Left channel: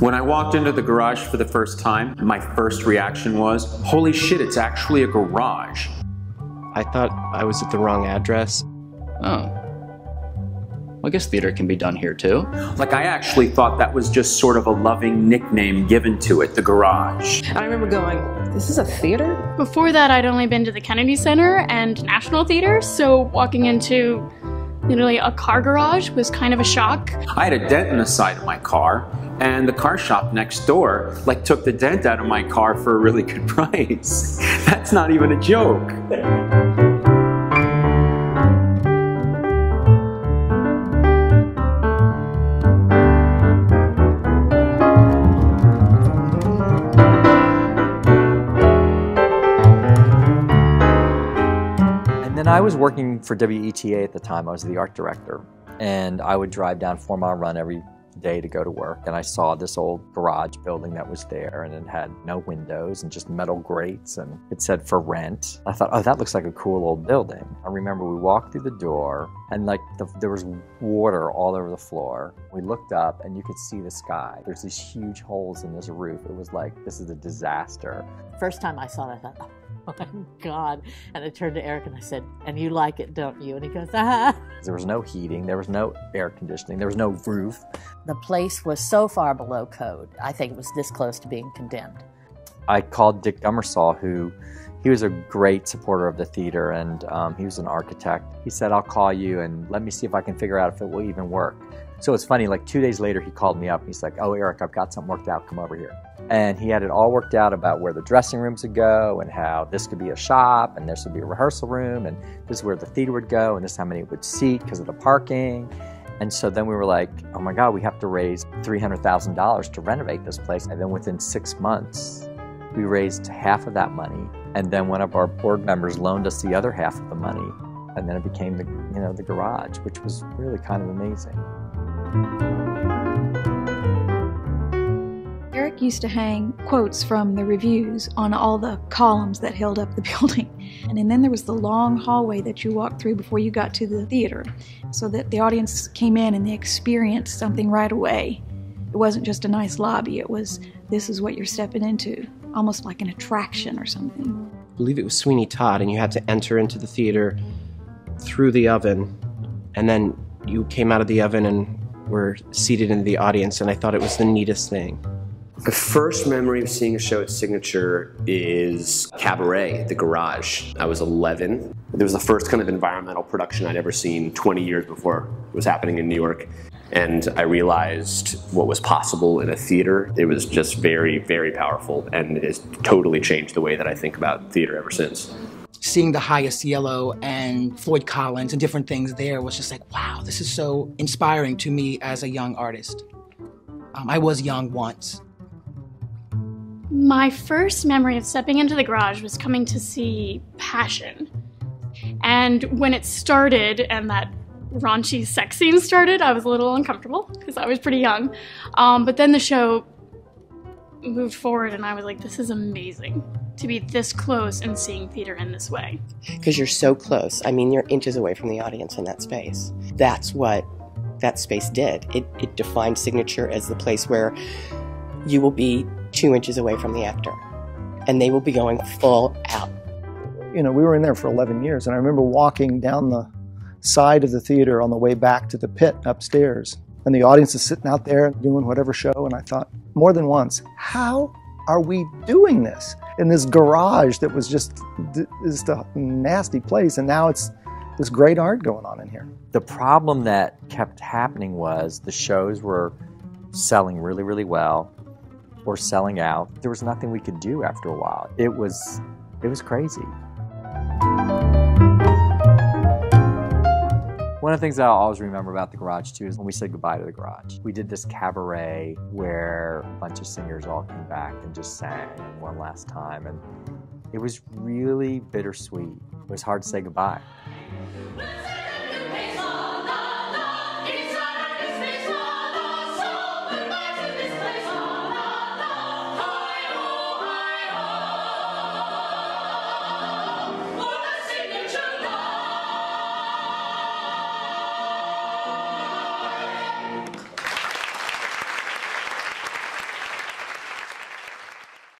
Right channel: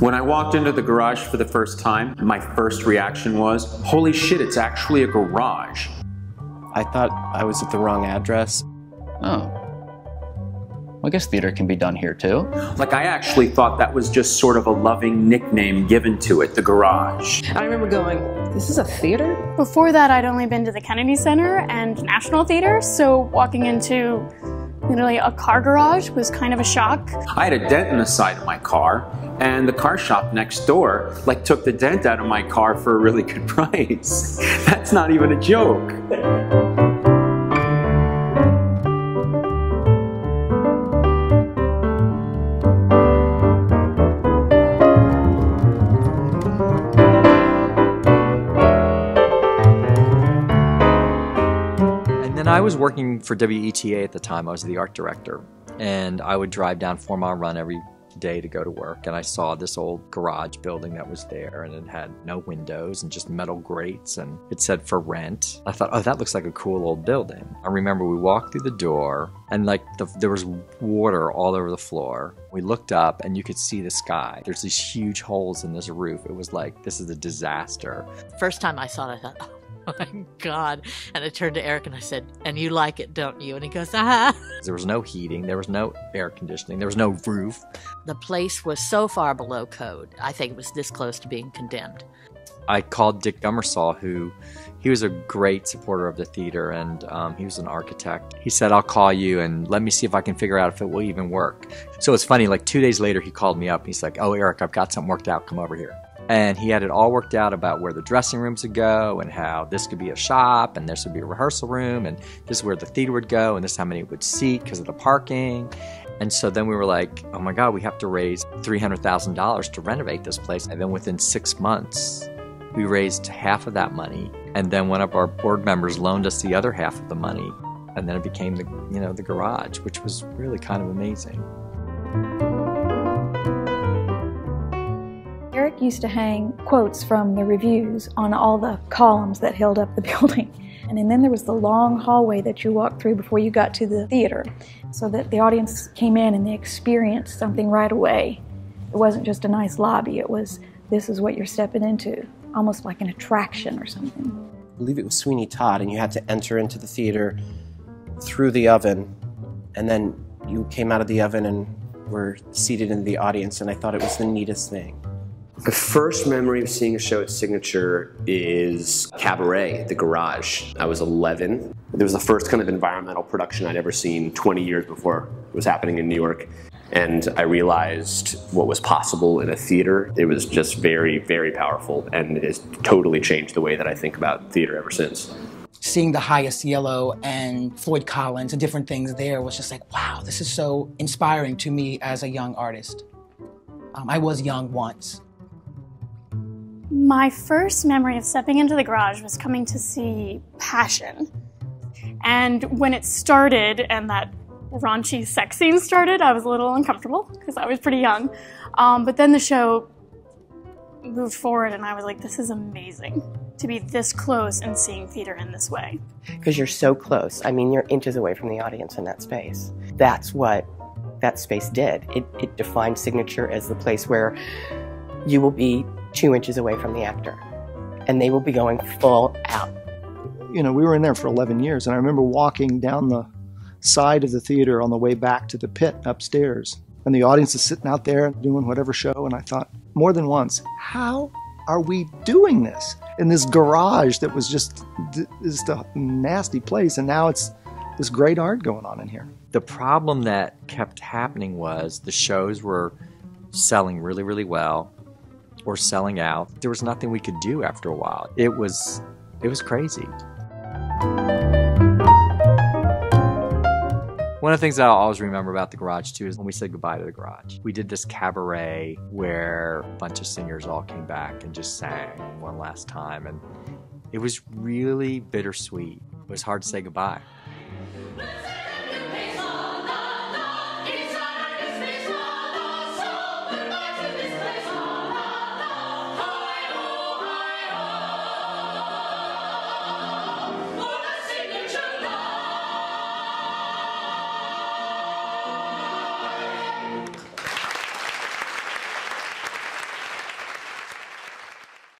When I walked into the garage for the first time, my first reaction was, holy shit, it's actually a garage. I thought I was at the wrong address. Oh. Well, I guess theater can be done here too. Like, I actually thought that was just sort of a loving nickname given to it, the garage. I remember going, this is a theater? Before that, I'd only been to the Kennedy Center and National Theater, so walking into literally a car garage was kind of a shock. I had a dent in the side of my car, and the car shop next door took the dent out of my car for a really good price. That's not even a joke. And I was working for WETA at the time. I was the art director, and I would drive down 4 Mile Run every day to go to work, and I saw this old garage building that was there, and it had no windows and just metal grates, and it said for rent. I thought, oh, that looks like a cool old building. I remember we walked through the door, and there was water all over the floor. We looked up, and you could see the sky. There's these huge holes in this roof. It was like, this is a disaster. First time I saw it, I thought, oh my God. And I turned to Eric and I said, and you like it, don't you? And he goes, ah. There was no heating, there was no air conditioning, there was no roof. The place was so far below code. I think it was this close to being condemned. I called Dick Gummersall, he was a great supporter of the theater, and he was an architect. He said, I'll call you and let me see if I can figure out if it will even work. So it's funny, like 2 days later he called me up and he's like, oh Eric, I've got something worked out, come over here. And he had it all worked out about where the dressing rooms would go and how this could be a shop and this would be a rehearsal room and this is where the theater would go and this is how many it would seat because of the parking. And so then we were like, oh my God, we have to raise $300,000 to renovate this place. And then within 6 months, we raised half of that money. And then one of our board members loaned us the other half of the money. And then it became the garage, which was really kind of amazing. Eric used to hang quotes from the reviews on all the columns that held up the building. And then there was the long hallway that you walked through before you got to the theater, so that the audience came in and they experienced something right away. It wasn't just a nice lobby, it was, this is what you're stepping into, almost like an attraction or something. I believe it was Sweeney Todd, and you had to enter into the theater through the oven, and then you came out of the oven and were seated in the audience, and I thought it was the neatest thing. The first memory of seeing a show at Signature is Cabaret, the garage. I was 11. It was the first kind of environmental production I'd ever seen 20 years before it was happening in New York. And I realized what was possible in a theater. It was just very, very powerful, and it has totally changed the way that I think about theater ever since. Seeing the Highest Yellow and Floyd Collins and different things there was just like, wow, this is so inspiring to me as a young artist. I was young once. My first memory of stepping into the garage was coming to see Passion. And when it started and that raunchy sex scene started, I was a little uncomfortable because I was pretty young. But then the show moved forward and I was like, this is amazing to be this close and seeing theater in this way. Because you're so close. I mean, you're inches away from the audience in that space. That's what that space did. It defined Signature as the place where you will be 2 inches away from the actor, and they will be going full out. You know, we were in there for 11 years, and I remember walking down the side of the theater on the way back to the pit upstairs, and the audience is sitting out there doing whatever show, and I thought more than once, how are we doing this in this garage that was just a nasty place, and now it's this great art going on in here. The problem that kept happening was the shows were selling really, really well, or selling out. There was nothing we could do after a while. It was crazy. One of the things that I'll always remember about the garage too is when we said goodbye to the garage. We did this cabaret where a bunch of singers all came back and just sang one last time, and it was really bittersweet. It was hard to say goodbye.